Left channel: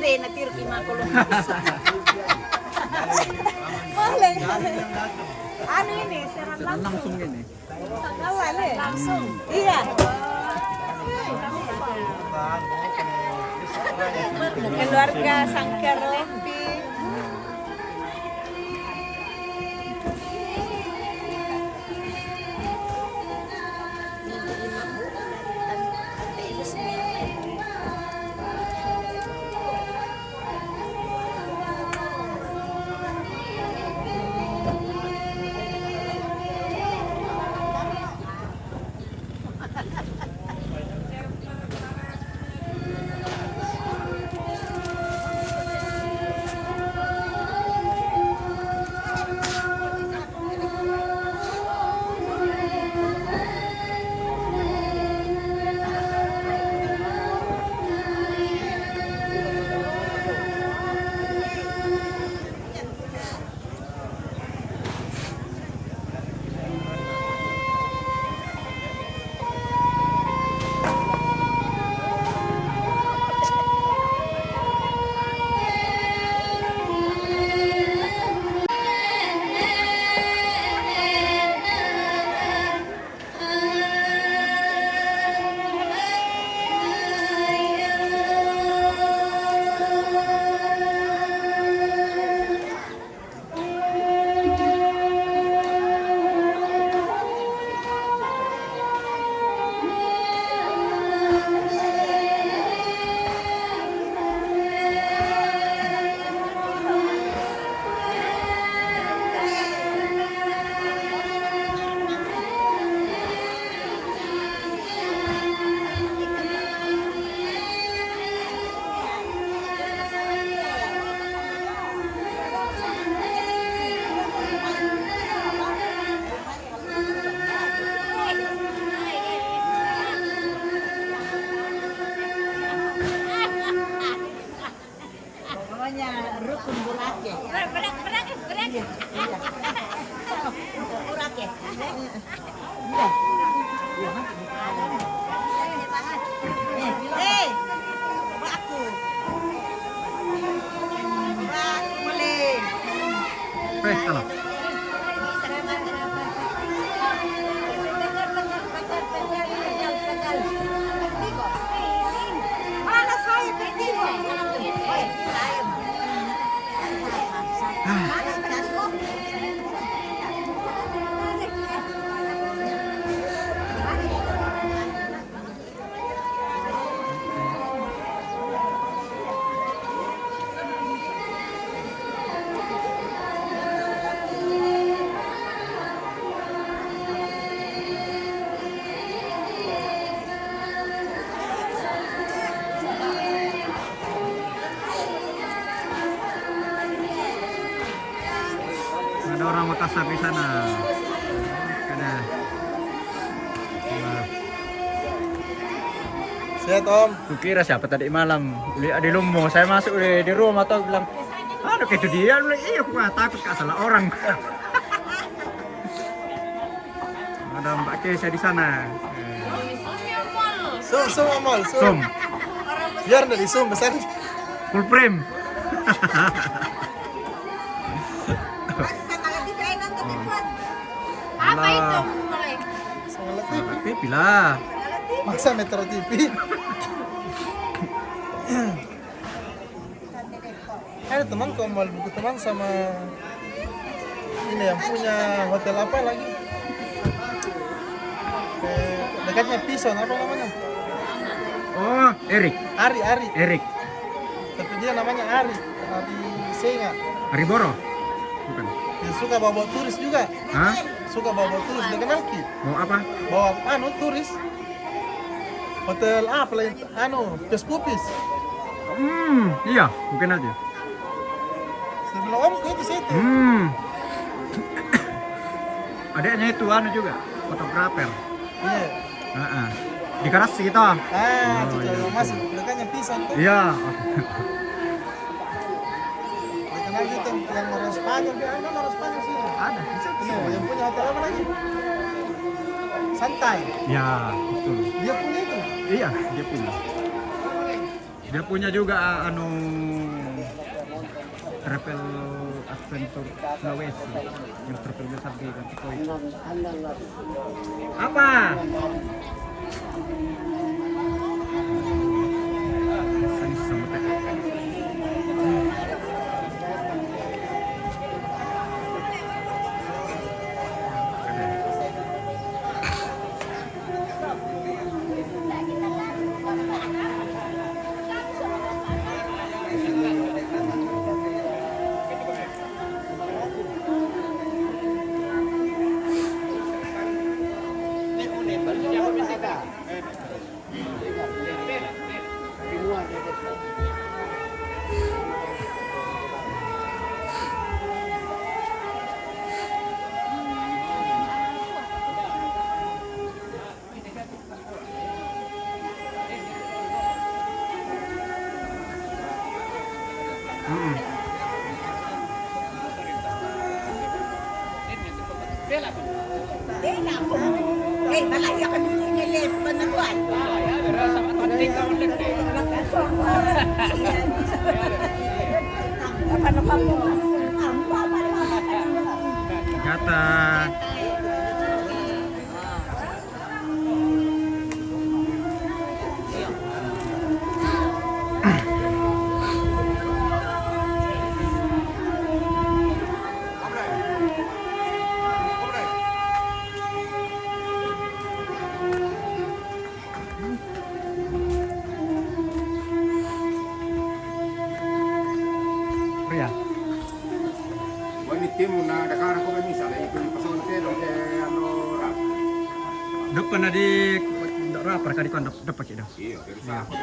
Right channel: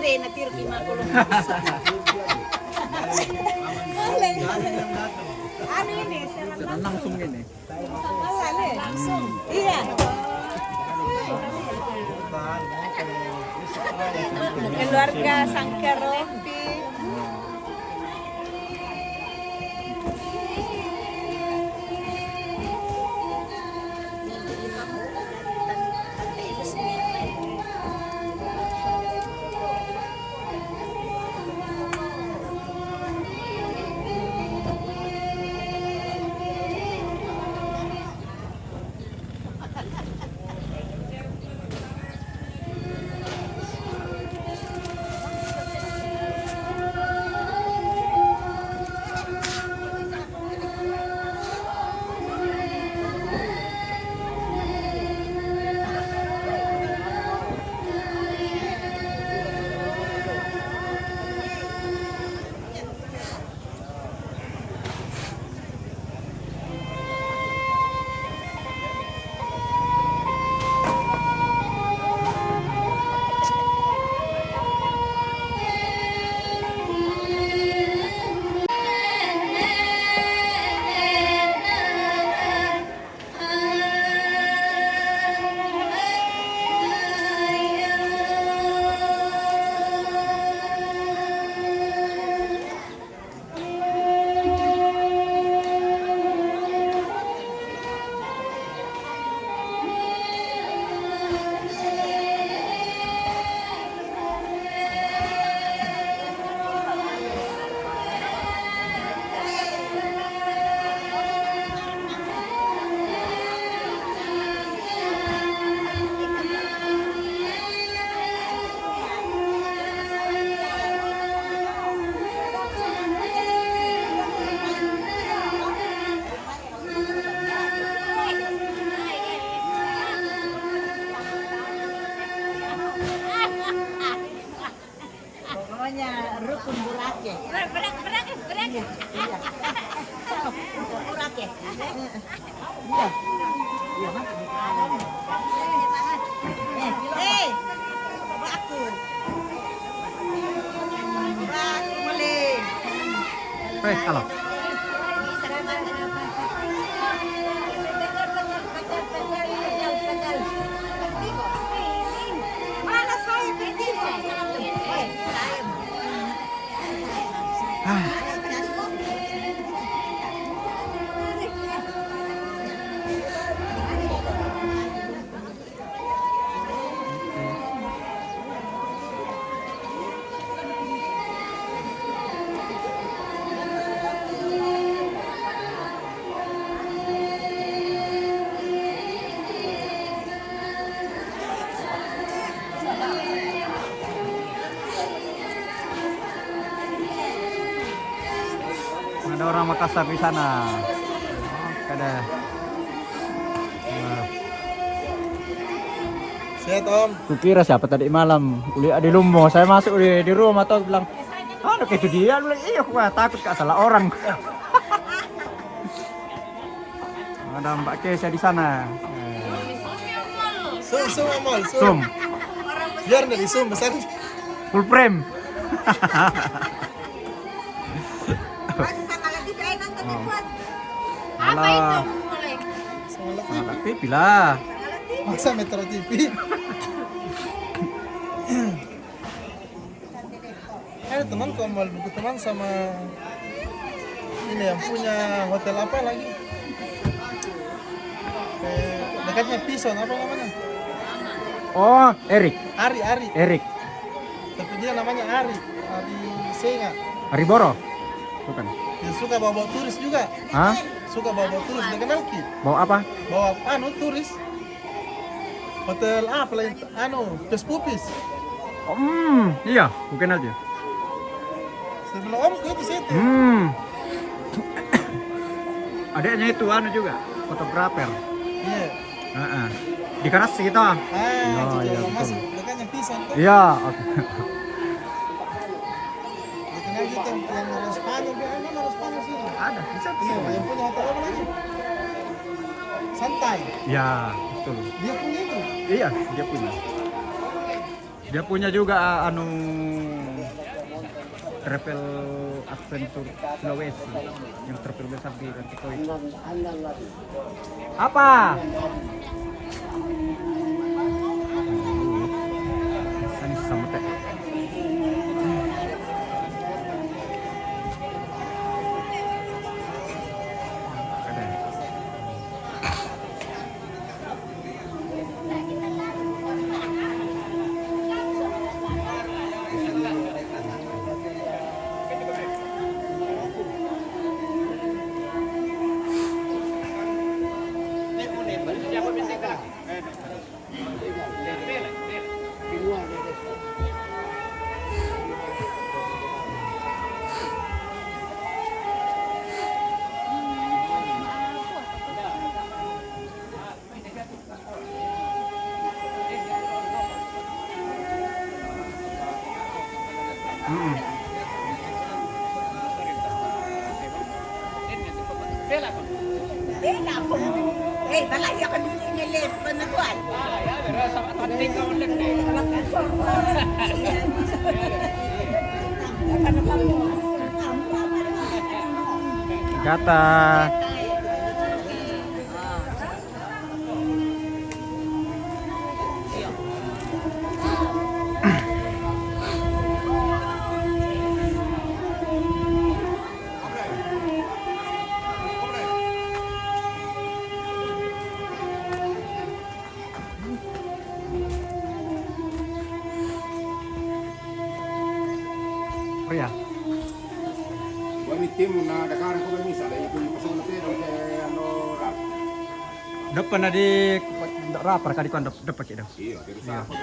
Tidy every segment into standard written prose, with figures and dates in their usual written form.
deh nanti Rukima kalau bisa. Boleh. Anu ini seran langsung ini. Langsung. Iya. Keluarga Sangkaropi. Rukun Burake. Berak. Iya. Rukun Burake. Iya. Iya. Coba aku. Bak, boleh. Halo. Mana saya pergi? Ada orang Makassar di sana. Ada. Sehat Om. Kukira siapa tadi malam? Lihat di Lumbo. Saya masuk di rumah tuh bilang, aduh itu dia. Iya aku takut gak salah orang. Ada Mbak Kesia di sana. Sum. Biar dari sum besar. Full frame. Apa itu mulai? Sangat TV lah. Masa Metro TV. Ada teman kok mau buku teman sama ini yang punya hotel apa lagi? Dekatnya Pison apa namanya? Oh, Erik. Ari. Erik. Tapi dia namanya Ari Senga. Ari Boro. Bukan. Dia suka bawa turis juga. Hah? Suka bawa turis. Dia kenal Ki. Mau apa? Bawa turis. Hotel apa lagi? Pes-pupis. Iya, bukan aja. Sebelah Om ke itu situ. Adiknya itu juga, fotografer. Iya. Di Karasi kita. Itu iya, jalan betul. masuk. Dekatnya Pisan. Iya. Dia kenal gitu. Yang orang Spanyol. Dia ada orang Spanyol sih. Ada, bisa Iya, yang punya hotel apa lagi? Santai. Ya, betul. Dia punya itu. Iya, dia punya. Dia punya juga travel adventure Sulawesi yang terbesar di Rantau. Apa? Ini sama teh. Balaya ka dun inilis pa na kuwan. Gata. Pria. Wanitimu na Dakar ko ni sala ito yung pasok na pero kay ano rap. Dapat na di rapar kali kan dapat kita. Iya, pero sa ako.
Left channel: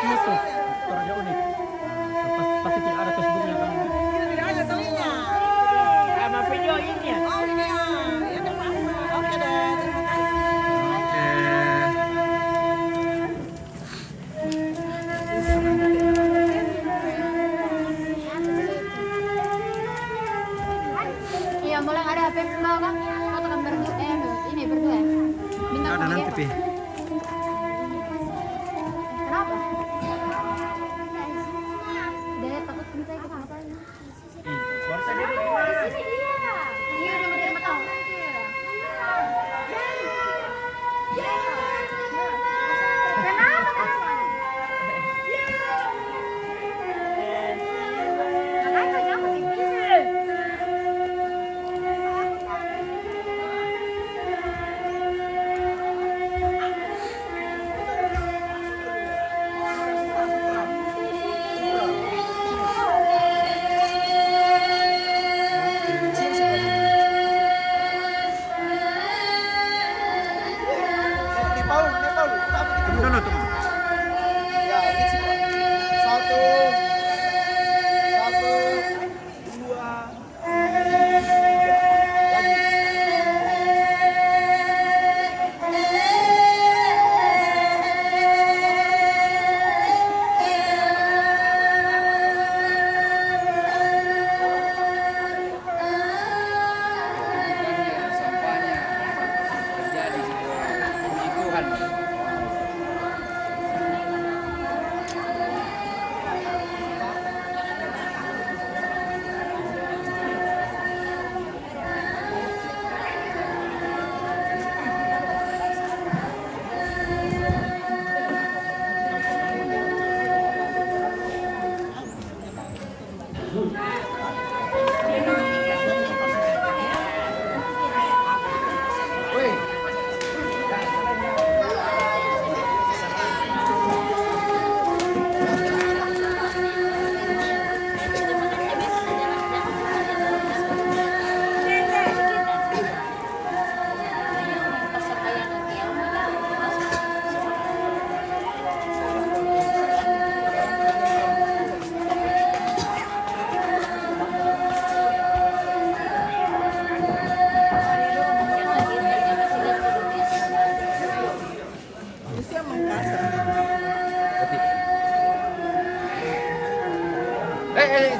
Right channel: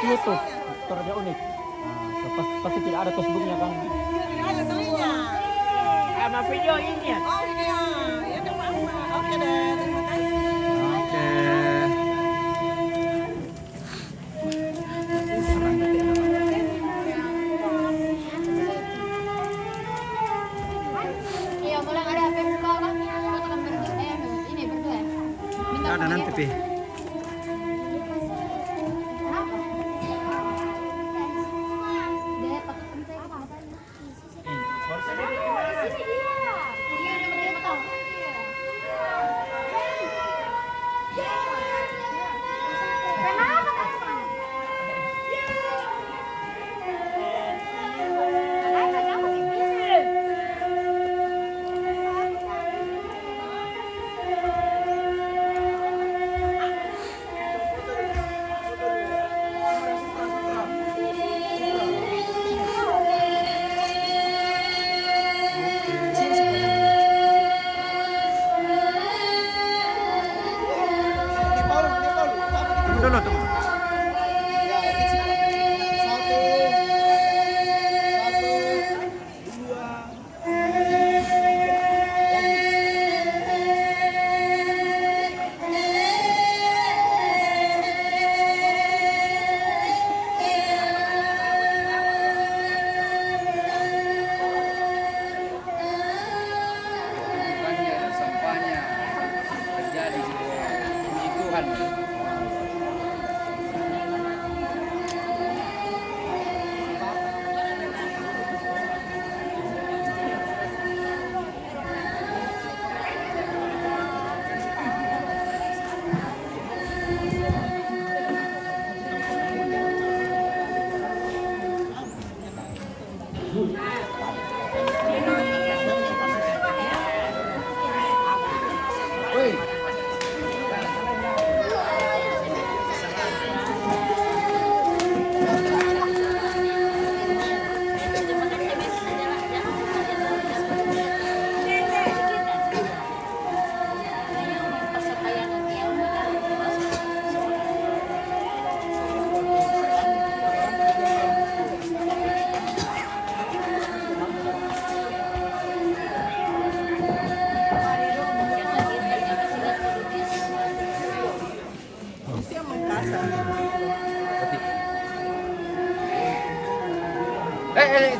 YouTube Toraja Unik. Pasti tidak ada Facebooknya kan? Tidak ada soalnya. Sama video ini. Oh ini ya, ya udah apa? Oke deh, terima kasih. Oke. Iya, boleh ada HP mau kan? Foto berdua. Ini berdua. Minta Ada nanti pi.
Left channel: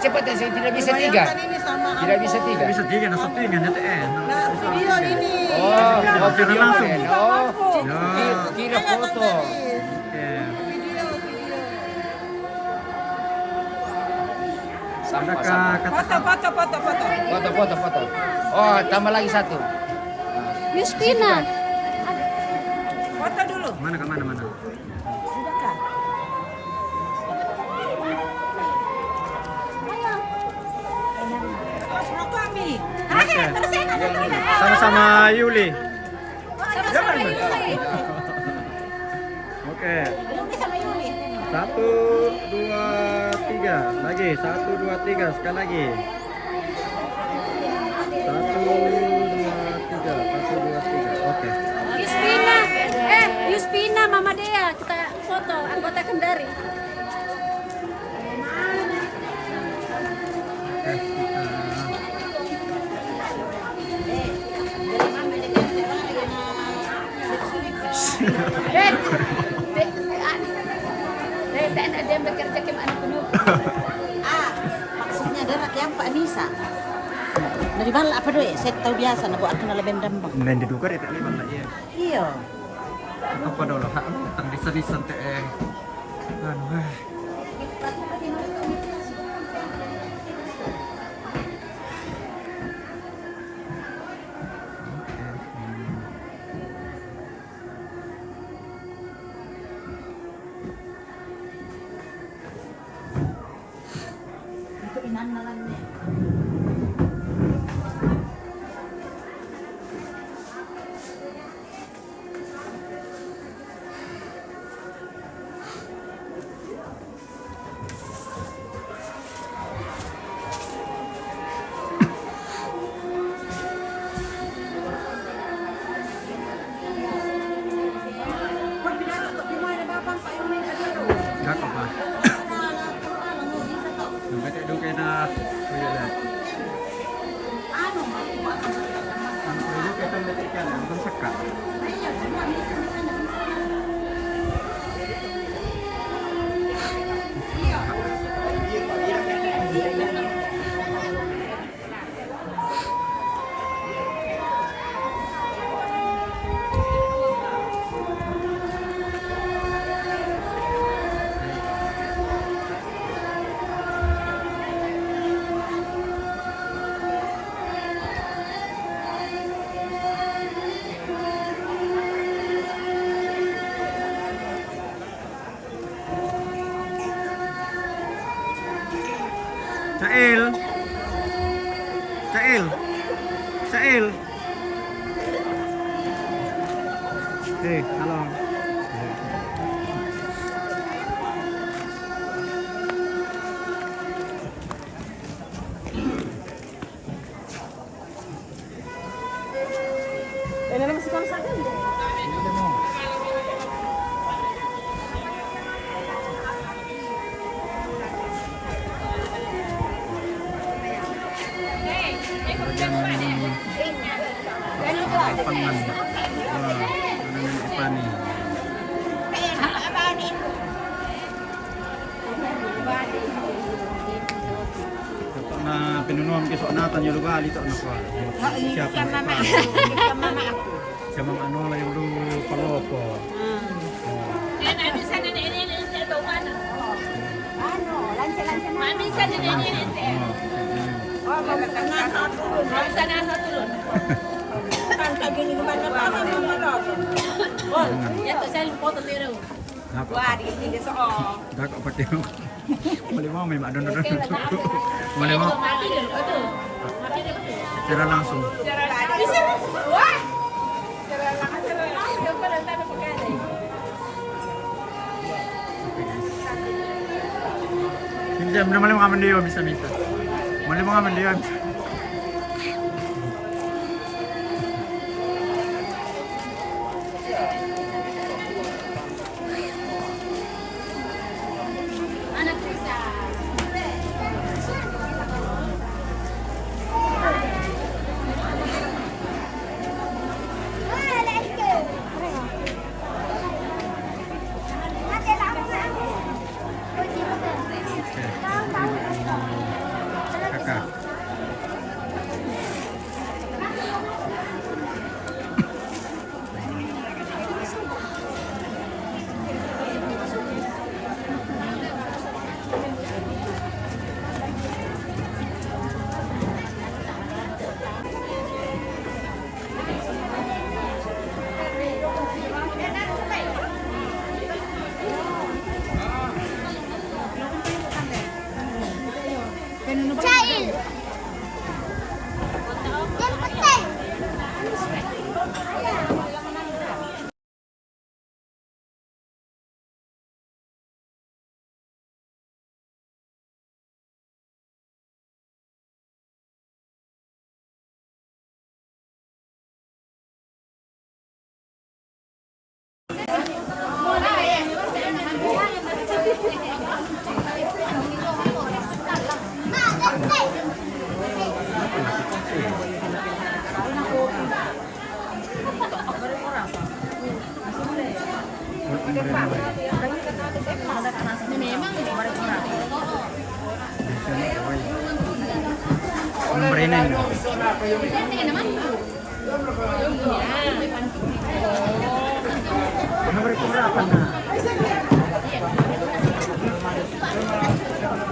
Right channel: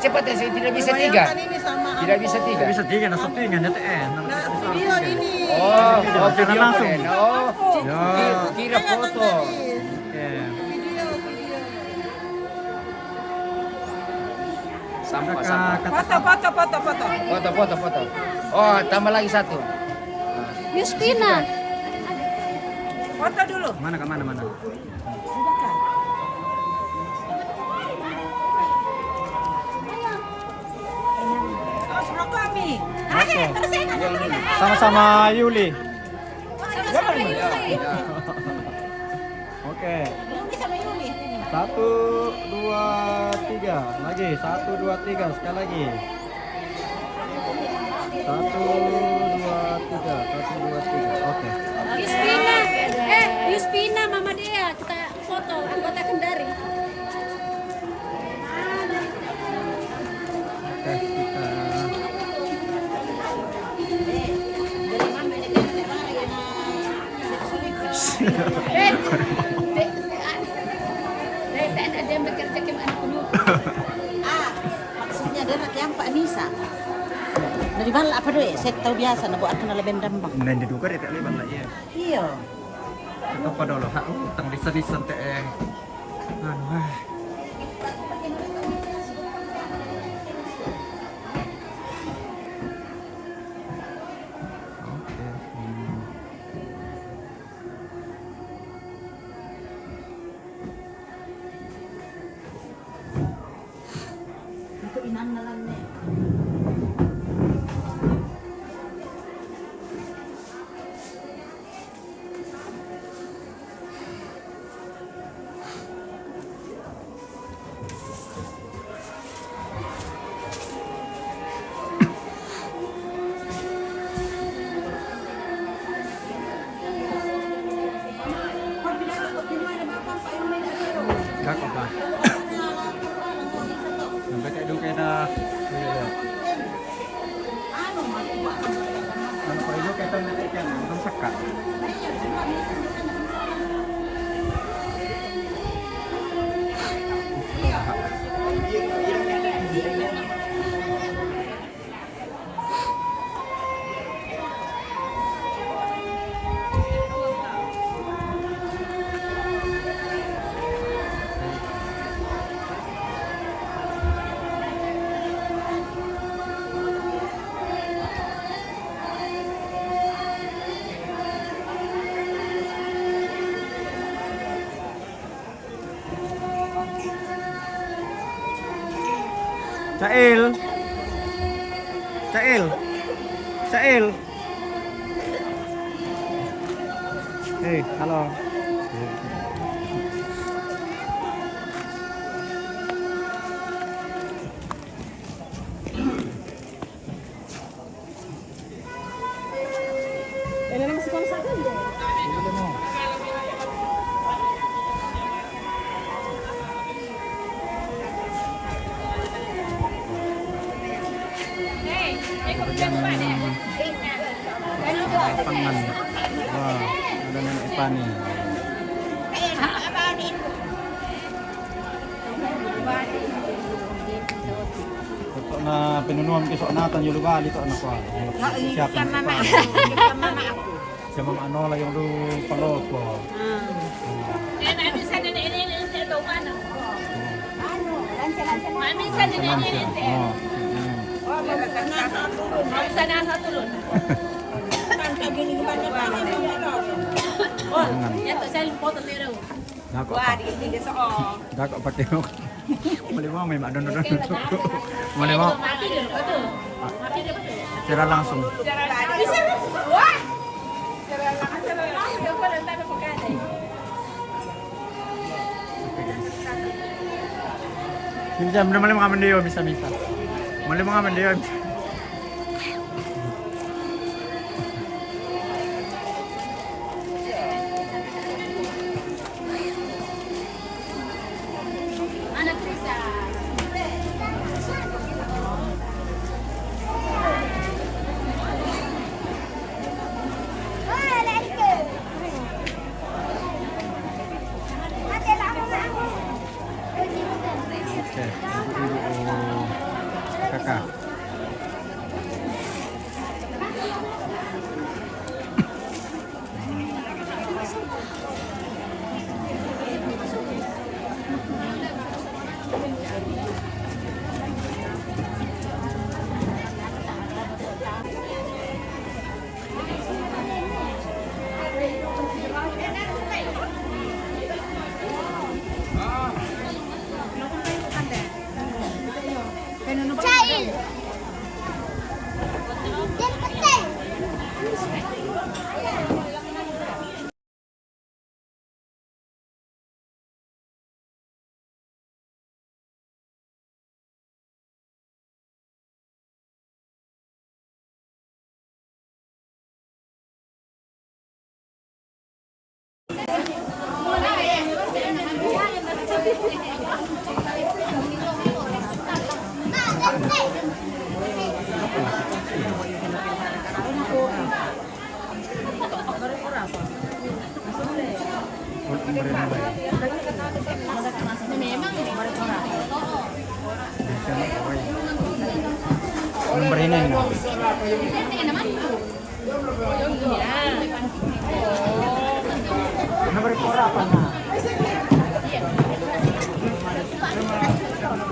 Cepat ya, saya tidak bisa 3. Bayangkan ini sama Tidak bisa ampun. 3. Bisa 3 nah settingan ya teh. Nah, video ini. Oh, video langsung. boleh. Oh, Ya. kira foto. Oke. Video. Sampah. Foto. Oh, tambah lagi 1. Yuspina. Foto dulu. Mana? Sudah kan? Sama kami. Terus saya Sama-sama Yuli. Sama-sama Yuli. Oke. Yuli sama Yuli. 1, 2, 3. Lagi 1, 2, 3 sekali lagi. 1, 2, 3. Oke. Yuspina. Yuspina Mama Dea kita foto anggota Kendari. Oke, kita Dia bekerja ke mana penuh. Maksudnya dia yang Pak Nisa. Dari mana apa doy? Saya tahu biasa na buat kenal lebih dambang. dan diduga itu liban lah iya. Iya. Atau pada lo hak tentang desa-desa teh. Anu Oke. Itu inan nalan nih. Gak apa. Sampai teh duke dah. Anu ko itu kita metikkan bukan sekat. Cail. Halo. Ini masih konser kan? Pangan. Wah, ada nenek Pani. Na pinunuan ko sa natan yung lugar dito ano ko. Siapa mama aku. Siya mama ano lang yung palopo. Mami sana ini ito mana? Mami sana ini. Oh, Mami sana turun. Tangka gini gimana pa mama. Oh, yato saya foto tiru. Dako. Hindi sa oh. Dako pati mo. Malimang may madon-don. Malimang. Mati dulu, betul. Mati dulu betul. Tira langsung. Bisa. Wah. Udah pada tahu pakai. Minjam na malimang kaman diyo bisa. Malimang kaman diyo. Anak Risa. Oke.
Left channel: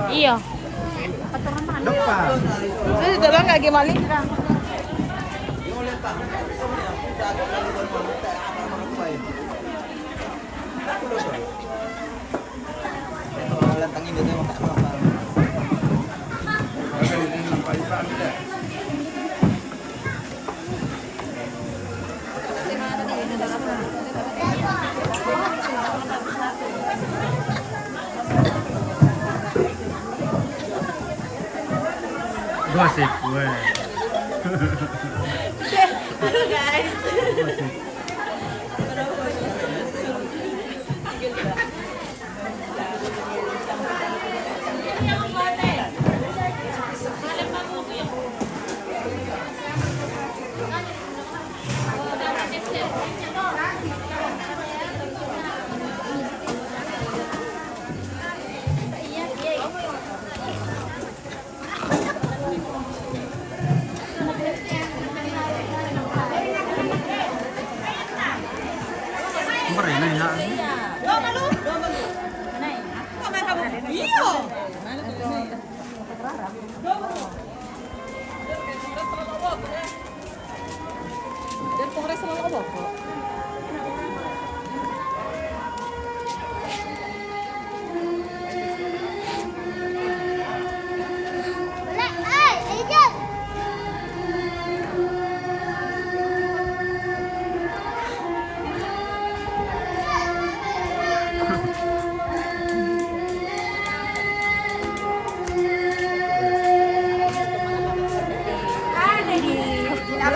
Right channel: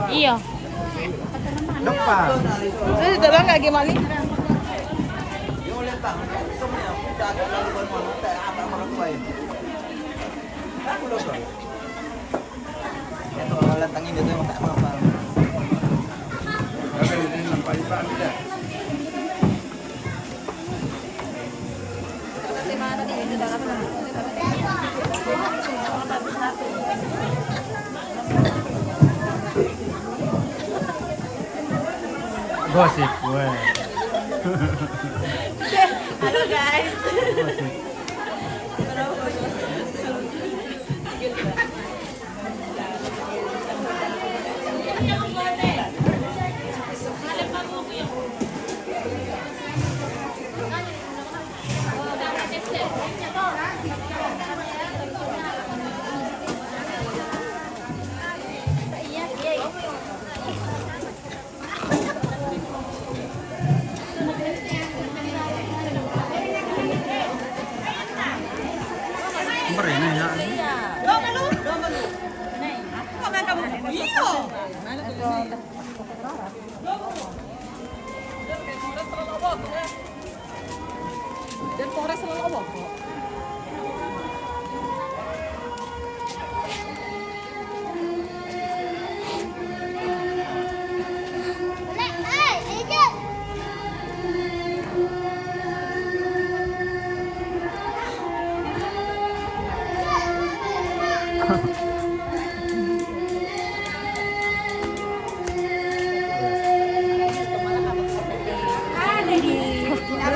Iya. Depan. Ini dalam nggak gimana? Lantang ini tuh tak apa-apa. Gosip gue. Halo guys. Berenang ya.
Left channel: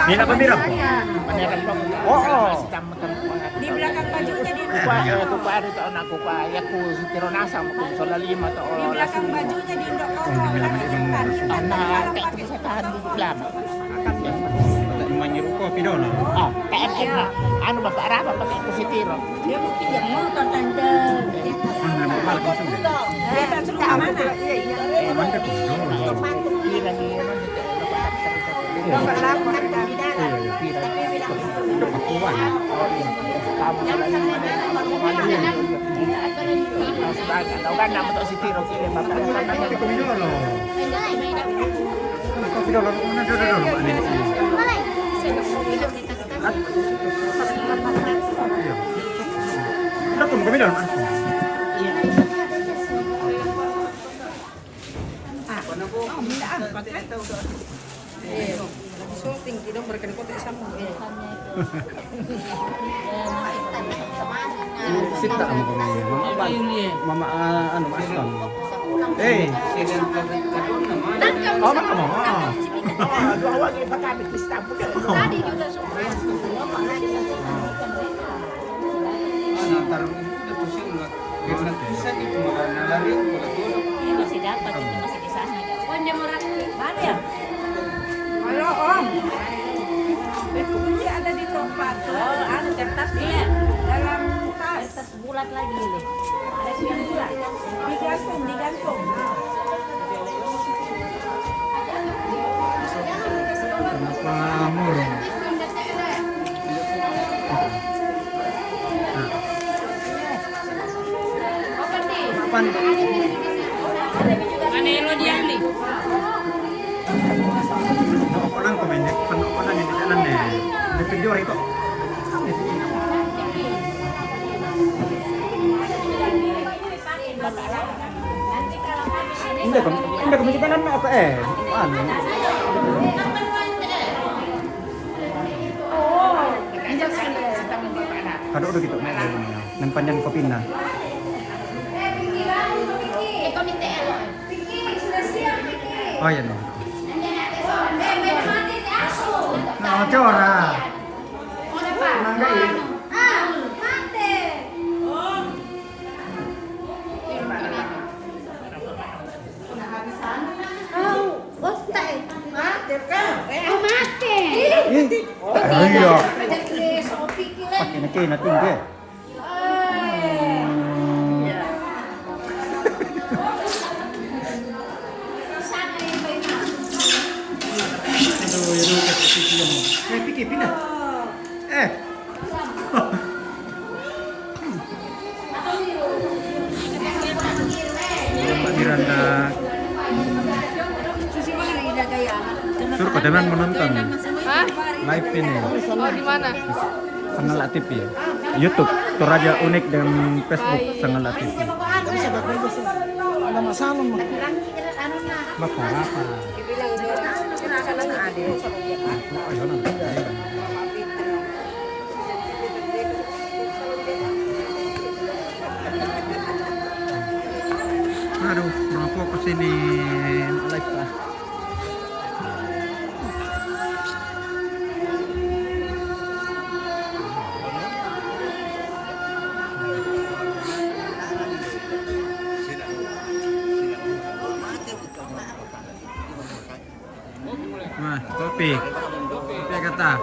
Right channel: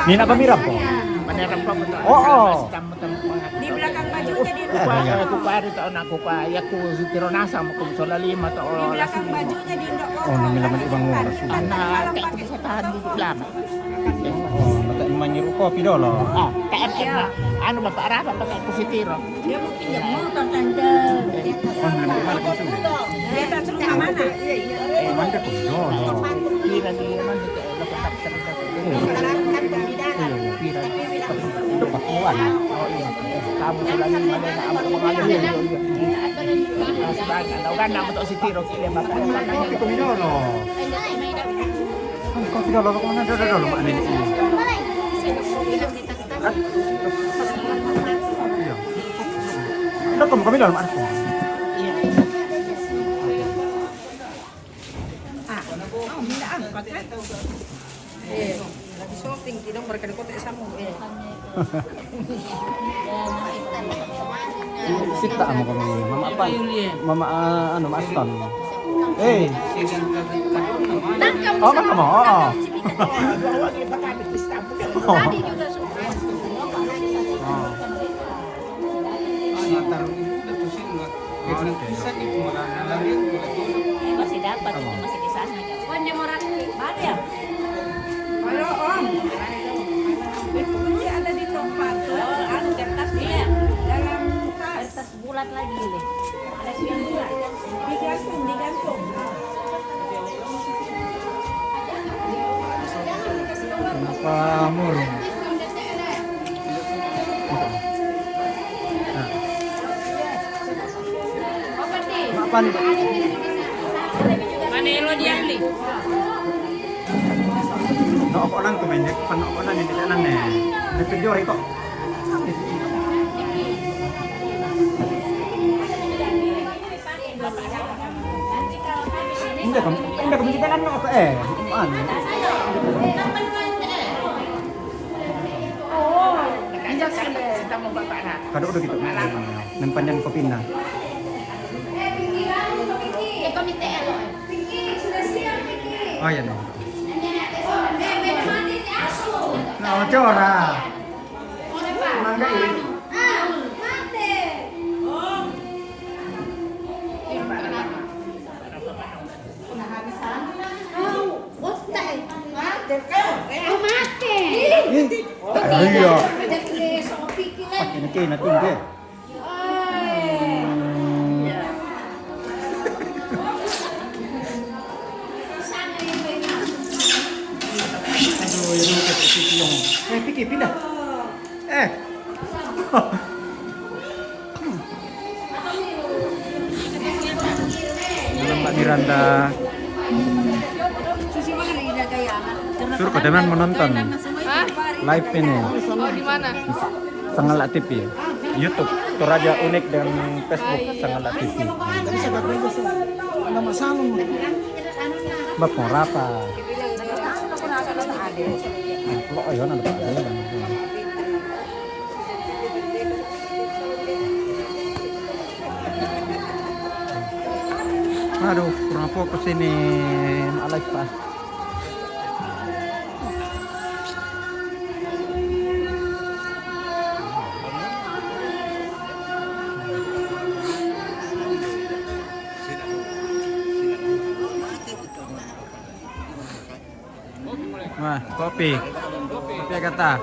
Nina kamera po. Oo. Di belakang bajunya di Iya. di belakang bajunya di Indok Oh, ini naman ibang oras. kan tadi malam pakai sepatu. Menyuruh kopi dulu. Ano ba para pa pakai si Tiro? Dia mau pinjam motor tante. Kan belum balik itu. Dia tak suruh ke mana? Mantap dulu. Nomor 8 kan di dalam. Tapi bilang jangan sampai mana baru pulang. Kopi kopi dulu. Kopi dulu aku mana dulu Mbak Nini. Iya. Udah kami dalam aku. Oh, minta angkot kan? Lagi syuting, tidak mereka di kota sama. Mama anu asam. Nangkap bisa Oh. tadi juga suka. Masih dapat itu masih di sana. Pokoknya mau rakit. Mana ya? Halo Om. Kunci ada di tempat tuh. Anu kertas dia dalam tas. Tas bulat lagi nih. Ada yang bulat. Digantung. Kenapa murung? Mana lo dia beli? Ako lang kumendek, pano ko lang hindi tanan eh. Depende ito. Hindi ko kita lang ako eh. Kado udah gitu. Nempanyan kopi na. Oh iya no. Nah, cora. Mangga ini. Iya. Pakai nanti deh. Aduh, ya dulu ke yung. Pikir pindah. Mbak Miranda. Suruh kau teman menonton live ini. Oh, di mana? Sangalat TV. YouTube, itu Radio Unik dan Facebook Sangalat TV. Ada masalah mah. Bak apa? Aduh, kurang fokus ini. Wah, kopi. Kopi kata.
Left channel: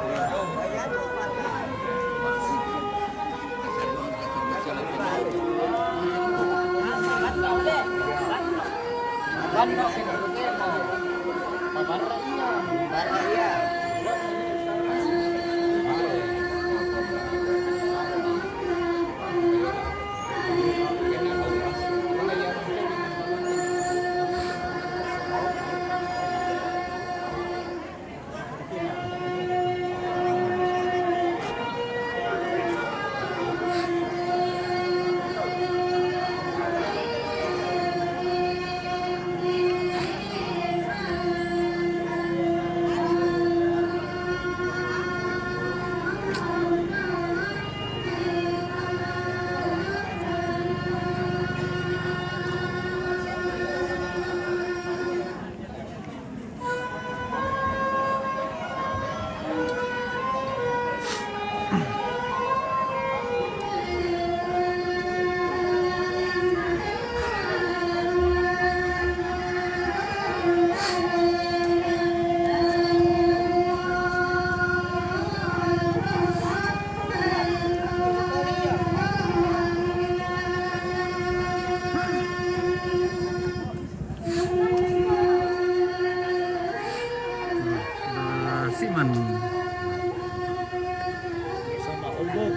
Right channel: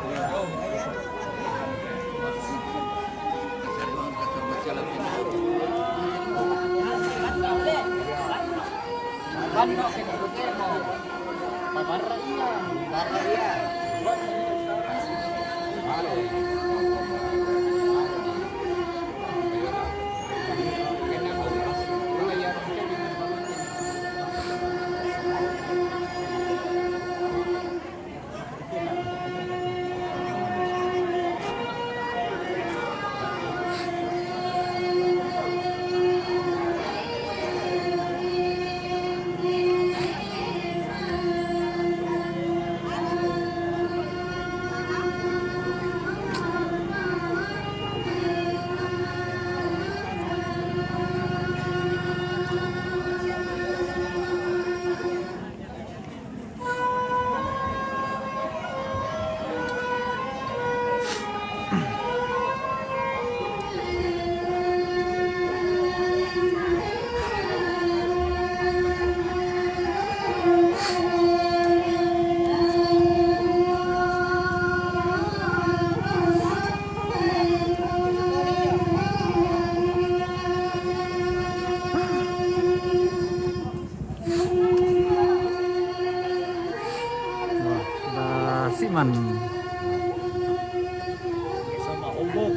Siman. Sama ubuk.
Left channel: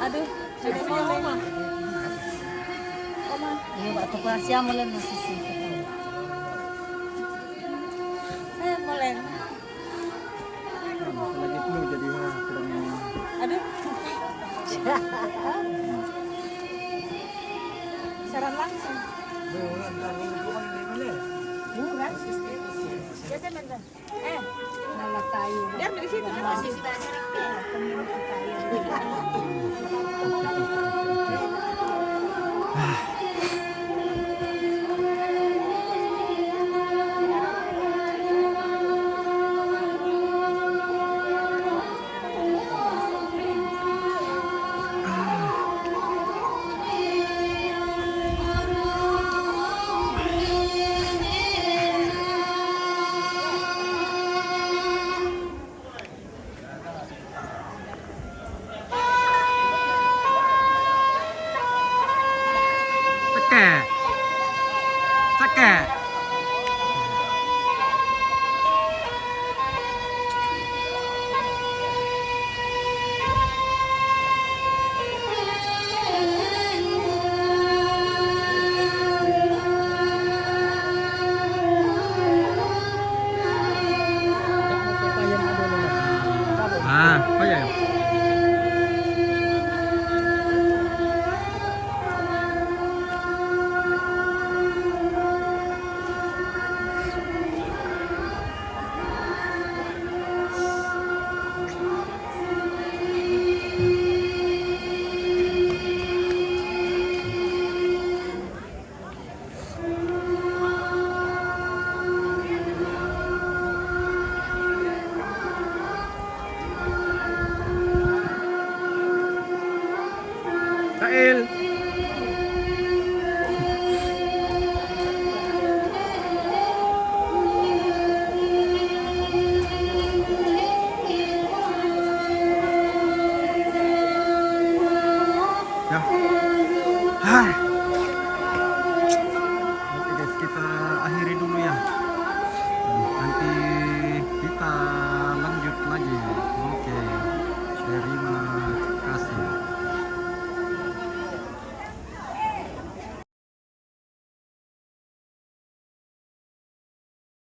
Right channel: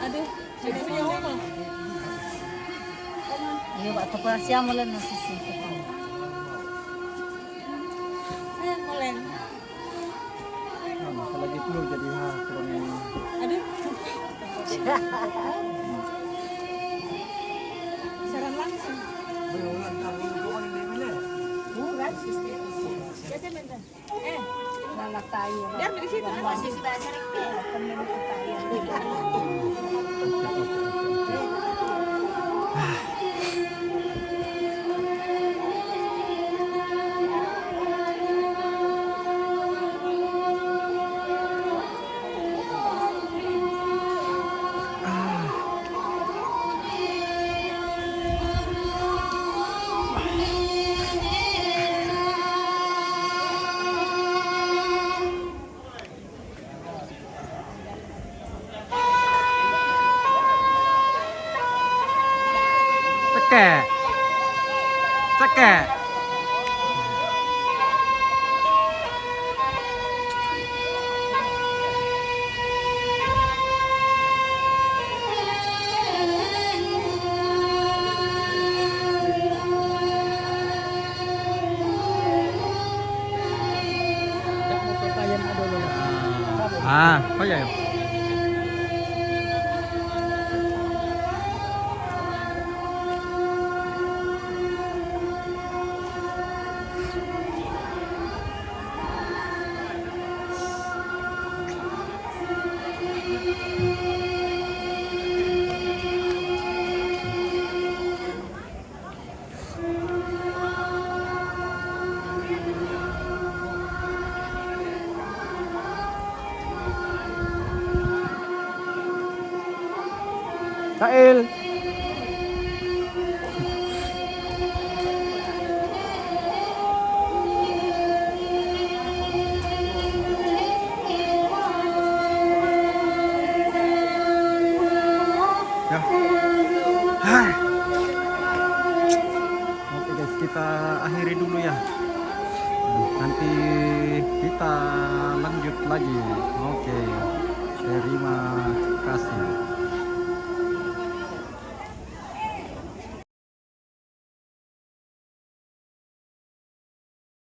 Aduh, Ayo, Pak, siya mo lang nasisita ko. mulai. Lagi dulu jadi kurang. Aduh. Saran langsung. Bukan sistem. Biasa benar. Malah tayo. Diam di situ. Masih sudah sering. Temen kita yang Oh ya. Kail. Ya. Hai. Oke guys, kita akhiri dulu ya. Nanti kita lanjut lagi. Oke. Terima kasih.